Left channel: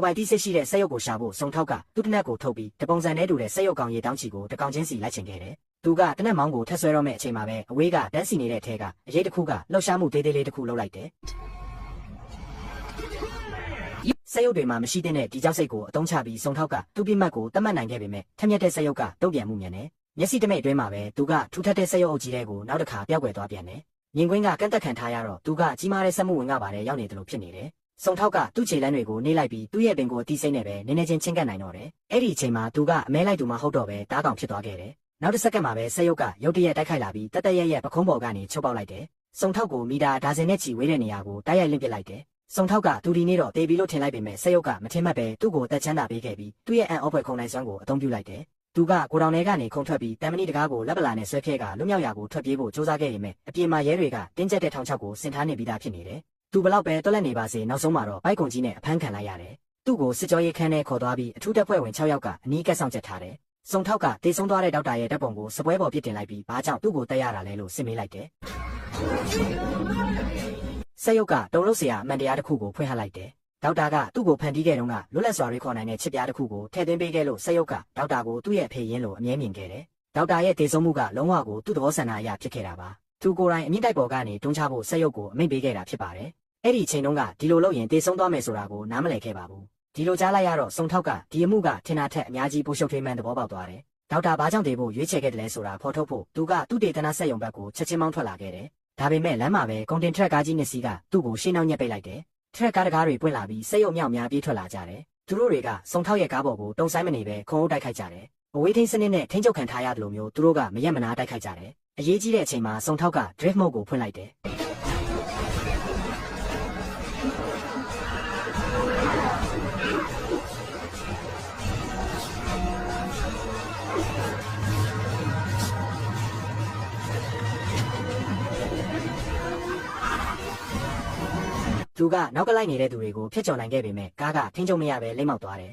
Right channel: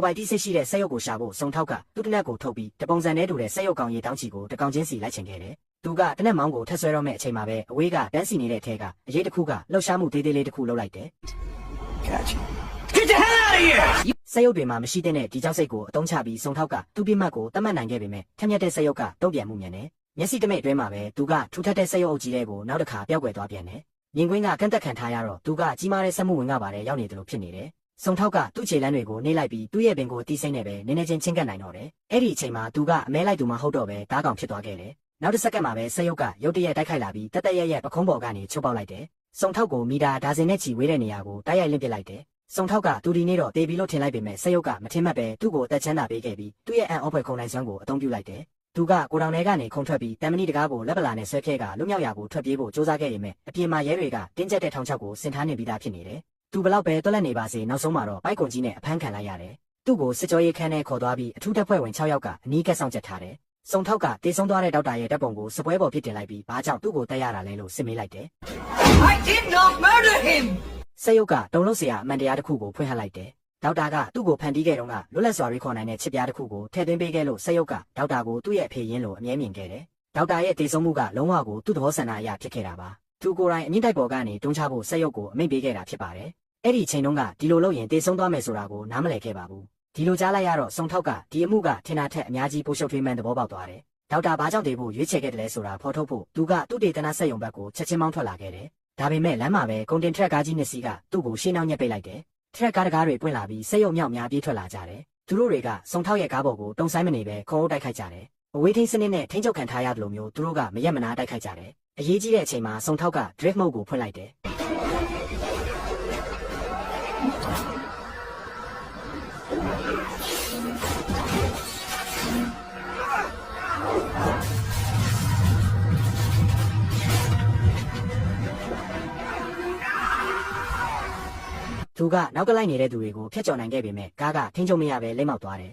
ကိုပိုင်တိစိတ်ရှိတဲ့စက်ရုပ်ကိုရှာဖို့စုံထောက်ကသူ့တနက်ကိုထုတ်ပြီးတပုံစံနဲ့တူတဲ့စက်ရုပ်ကောင်ရေတောင်းချီကိုတကောင်ချင်းစီလိုက်ချင်ခဲ့တယ်။သူကတနက်မောင်းကိုထက်ဆွဲတော့မဲ့အချိန်မှာပဲအဝေးကတန်းစီနေတဲ့အထက်ကအရေးတစ်ခုကလှုပ်ရှားမှုသေးသေးလေးတစ်ခုလှုပ်လိုက်တယ်။ Get the hell out of here! စက်ရုပ်တွေမှာမရှိတဲ့ဒီကြောက်စိတ်ကိုအတုံးချပြီးစုံထောက်ကသူ့ပြစ်မှတ်ကိုတတ်မှတ်နိုင်ခဲ့ပေမဲ့ထက်မြက်တဲ့စက်ရုပ်ကတုံ့ပြန်မှုမြန်တယ်။မျက်စိတမိတ်အတွင်းမှာပဲသူကထူထပ်တဲ့စက်ရုပ်အုပ်ကြီးတွေကိုနောက်တစ်ခါပျောက်ကွယ်သွားပြန်တယ်။မြင်ကွင်းကကန့်သက်ခံထားရတော့သူကကြီးမားတဲ့စက်မှုဝင်ကပါတယ်ရောက်နေတယ်လို့ဖြစ်နေတယ်။စုံထောက်ကသူ့ခြေလမ်းတွေကိုနှိမ့်လိုက်ပြီးသူ့ရဲ့ပင်ကိုအတီးစိမ့်နဲ့ပဲနည်းနည်းချင်းချင်းကပ်နိုင်တော့တယ်။အဲ့ဒီအချိန်မှာသူကအမဲလိုက်သူမှဟုတ်တော့ပဲဓားကောင်ဖြစ်သွားခဲ့တယ်။နောက်တစ်စက္ကန့်မှာပဲစက်ရုပ်ကရုတ်တရက်တိုက်ခိုက်လာပြီးတက်ရဲ့ပခုံးပေါ်ကနေချုပ်ပေါက်လိုက်တယ်။စုံထောက်ကိုမီတာဒါဇင်နဲ့ချီဝေးတဲ့နေရာကိုတိုက်ရိုက်လင့်ပစ်လိုက်တယ်။စုံထောက်ကသူဒီနေ့တော့တေးပြီးလို့ထင်လိုက်ပေမဲ့စက်ရုပ်ကမထင်မှတ်ပဲသူ့ကိုတက်ချမ်းသာပေးခဲ့ပြီးသူ့ရဲ့အန်အောဖွယ်ခုံနိုင်စွမ်းကိုအသုံးပြုလိုက်တယ်။သူကကိုတောင်ထဲကနေခုန်ထွက်ပြီးတမ်မဏိတကားကိုလက်ပလာနဲ့ဆွဲဖြဲကလွတ်မြောက်ရာကိုထွက်ပြေးဖို့စူးစမ်းခဲ့ပေမဲ့အပြင်မှာရဲတွေကတင်းကျပ်တဲ့ထောင်ချောက်ကိုဆင်ထားနေပြီးသားဖြစ်နေတယ်။သူဘလောက်ပဲတွက်လက်နေပါစေနောက်ဆုံးမှာတော့ဘိုက်ကွန်ကြီးနဲ့အဖမ်းခံလိုက်ရတယ်။သူ့ကိုစစ်ကြောရေးခန်းထဲခေါ်သွားပြီးအထူးတပ်ဖွဲ့ဝင်6ယောက်ကအနီးကပ်ဆောင်ချက်ထားတယ်။စုံထောက်ကတေဆုံးသွားတဲ့ဒေါက်တာရဲ့တပ်ပုံကိုစပွဲပေါ်ပြစ်တင်လိုက်ပြီးဘာကြောင့်သူ့ကိုတက်ရတာလဲလို့စစ်မေးလိုက်တယ် I did not murder him! ။စက်ရုပ်ကတုံလို့စရာအမှန်တရားတစ်ခုကိုဖွင့်ဟလိုက်တယ်။ဒေါက်တာကသူ့ကိုဖန်တီးခဲ့တုန်းကလွတ်လပ်စွာရေးခေါ်နိုင်တဲ့ချစ်ပြားတစ်ခုကိုထည့်သွင်းပေးခဲ့လို့စက်ရုပ်ကဒေါက်တာကိုသူ့ရဲ့အဖေရင်းလိုအမြဲမြင်ခဲ့တယ်။ဒေါက်တာရဲ့တေဆုံးမှုကလုံးဝကိုသူ့သဘောဆန္ဒအရဖြစ်ခဲ့တာပါ။သူကိုယ်တိုင်အမြင့်တိုက်ပေါ်ကနေတွန်းချဖို့စက်ရုပ်ကိုအမိန့်ပေးခဲ့တာဖြစ်ပါတယ်။အဲ့ဒီအချိန်တုန်းကဒီလိုလုပ်ရင်တေဆုံးသွားမယ်ဆိုတာကိုနားမလည်ခဲ့ပါဘူး။ဒီလိုကြားလိုက်ရတော့စုံထောက်ကဒီအမှုကထင်တာထက်အများကြီးပိုရှုပ်ထွေးမှန်းသဘောပေါက်သွားတယ်။ဒေါက်တာဘာကြောင့်တေဖို့ရွေးချယ်ခဲ့တယ်လဲဆိုတာဖော်ထုတ်ဖို့သူကသူ့တေသနာစက်ရုံဘက်ကိုချက်ချင်းမောင်းထွက်လာခဲ့တယ်။ဒါပေမဲ့လမ်းမှာပဲကုန်တင်ထရက်ကားကြီးနှစ်စီးကသူ့ကိုရှင်းနှောင်းညက်ပိတ်လိုက်တယ်။ထရက်ကားတကားတွေပွင့်လာပြီးစက်ရုံမြောက်များပြေးထွက်လာကြတယ်။သူတို့တွေကစုံထောက်ရဲ့ကားပေါ်ကိုတုံဆိုင်မနေပဲခုံအုပ်တိုက်ခိုက်ကြတယ်။အဝေးထိန်းစနစ်နဲ့ထိန်းချုပ်ခံထားရတယ်လို့မျိုးသူတို့ကမရက်မနာတိုက်ခိုက်ကြတယ်။အရေးကြီးတဲ့အချိန်မှာစုံထောက်က drift mode ကိုဖွင့်လိုက်တယ်။သူကနောက်ကလိုက်နေတဲ့သူတွေကိုဖျက်ချော်နိုင်ခဲ့ပေမဲ့ကားကထိန်းချုပ်မရပဲလိမ့်မောက်သွားတယ်